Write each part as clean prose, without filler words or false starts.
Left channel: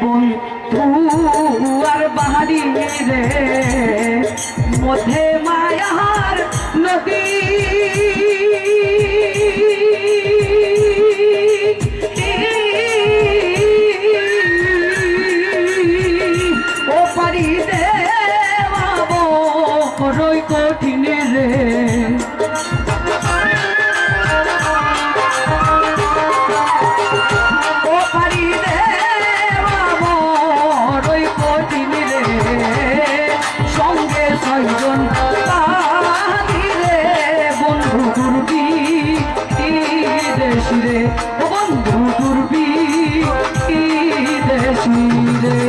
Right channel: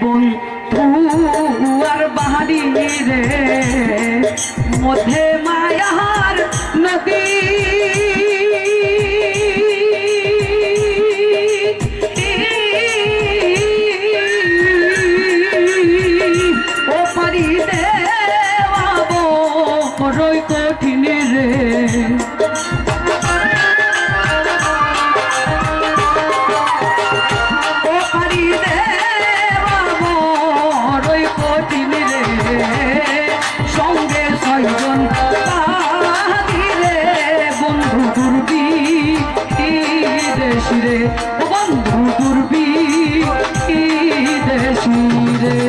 বন্ধু আর বাহারি রে মধ্যে মায়ার নদী ও পারি দেওয়াবো রই কঠিন রে বন্ধু দুর্বি দেশি রে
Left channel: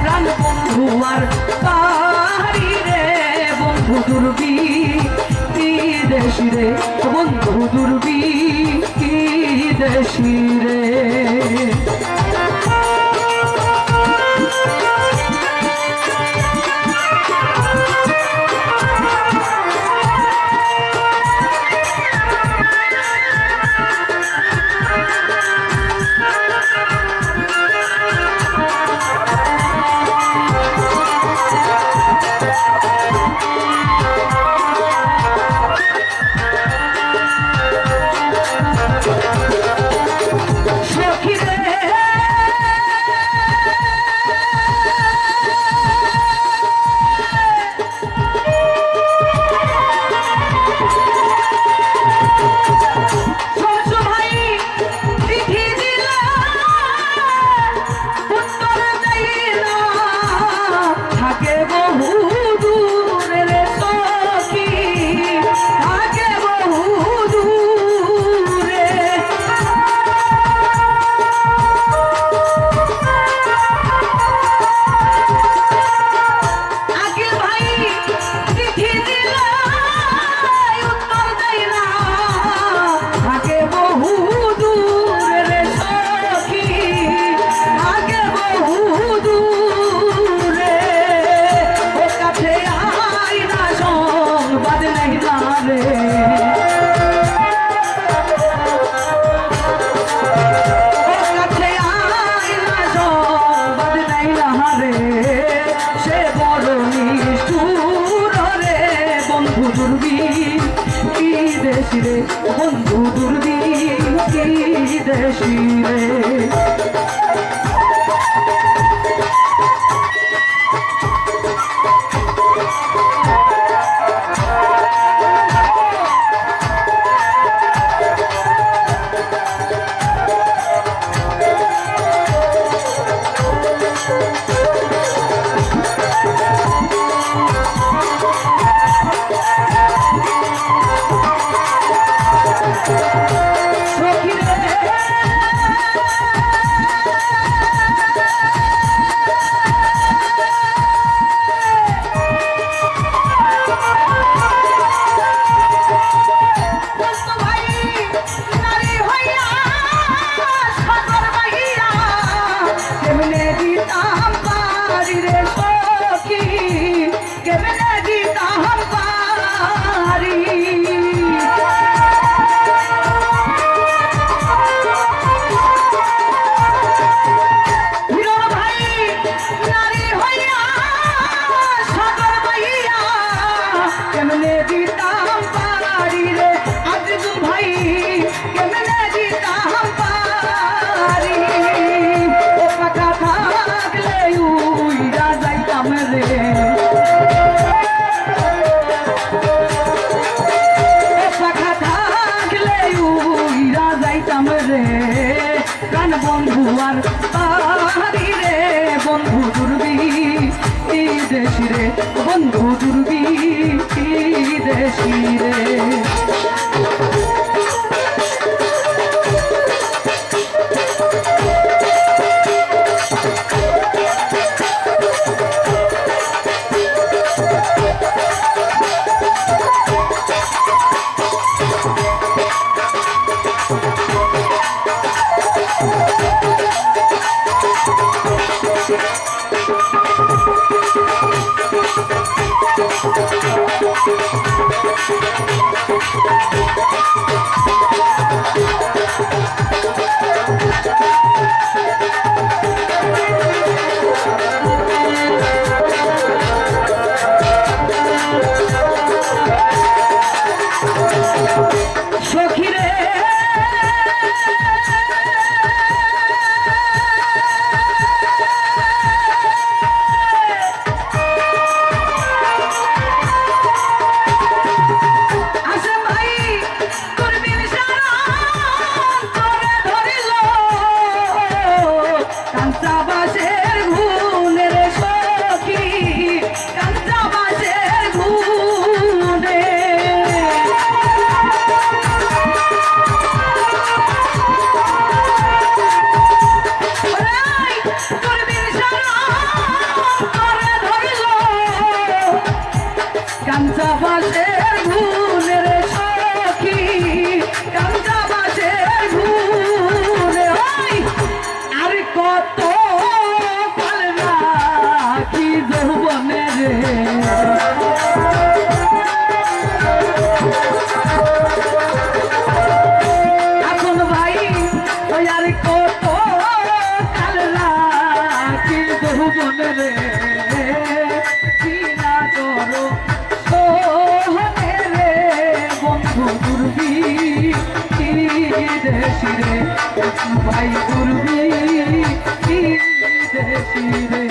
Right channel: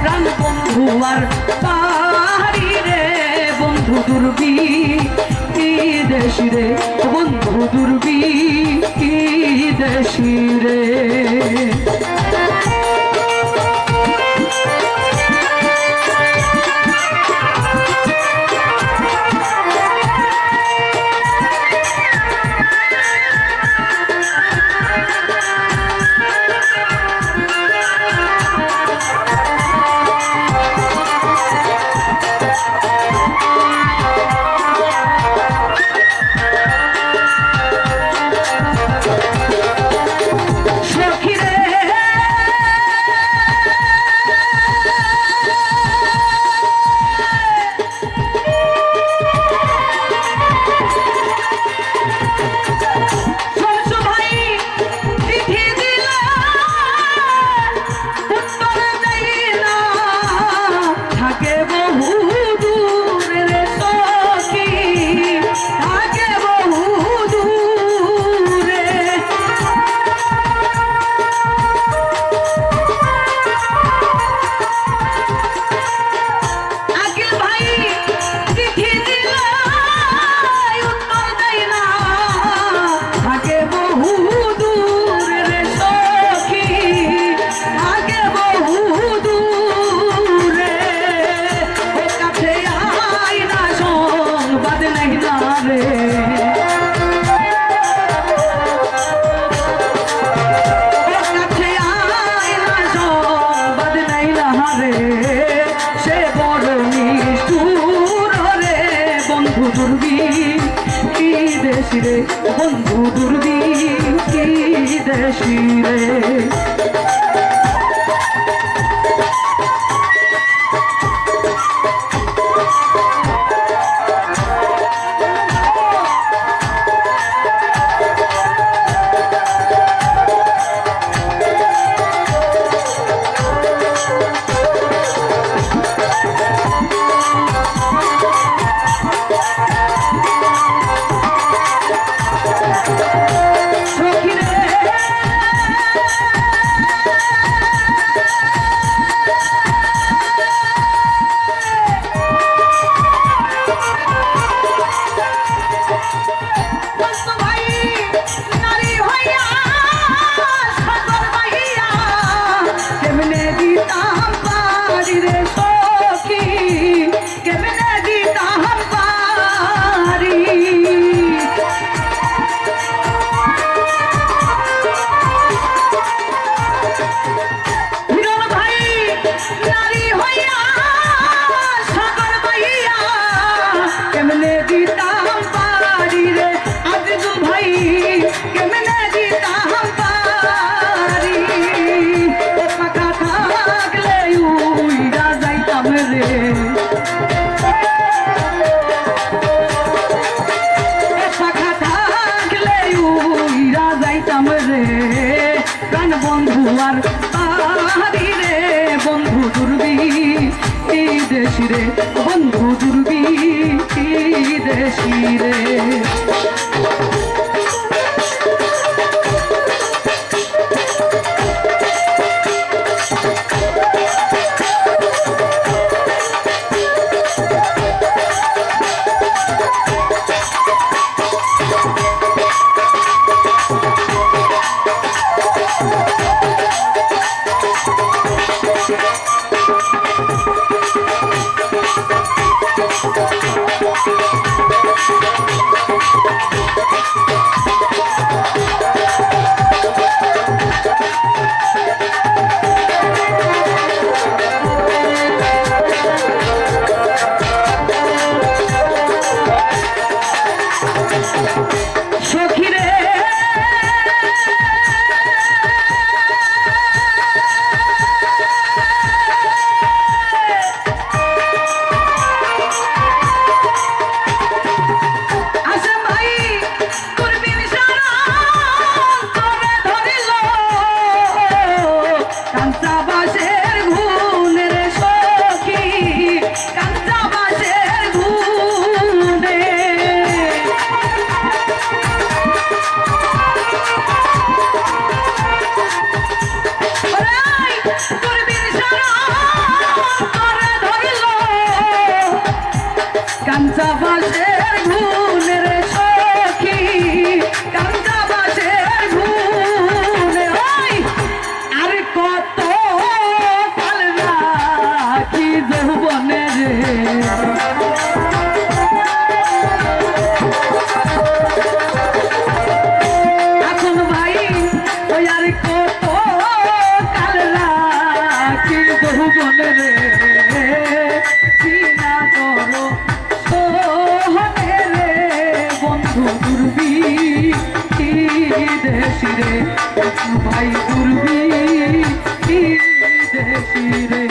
প্রাণ বন্ধু আর পাহাড়ি রে বন্ধু দুর্বি দেশি রে বন্ধু দুর্বি দেশি রে রে বন্ধু দুর্বি দেশি রে রে সখী কেমনে দিতাম পারি হিরণ ভাই নারী হইয়া সাগর বইয়া কেমনে দিতাম পারি রে আজিজুল ভাই কেমনে দিতাম পারি ও পাকা থাকলে উইরা যাইতাম রে পাখা থাকলে উইরা যাইতাম রে প্রাণ বন্ধু আর পারি রে বন্ধু দুর্বি দেশি রে বন্ধু দুর্বি দেশি রে কাঞ্চাবাসের গুণে রে সখী কাঞ্চাবাসের গুণে আর কত কাল রাখি যৌবনে রে এখন ভাই ওই আর কত কাল রাখি যৌবনে রে কিনা করো দুর্বি দেশি রে ভাই দুর্বি দেশি রে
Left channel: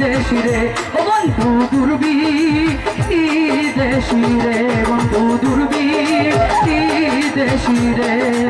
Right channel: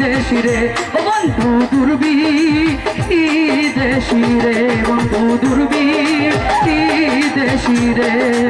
দেশি রে বন্ধু দুর্বি দেশি রে বন্ধু দুর্বি দেশি রে।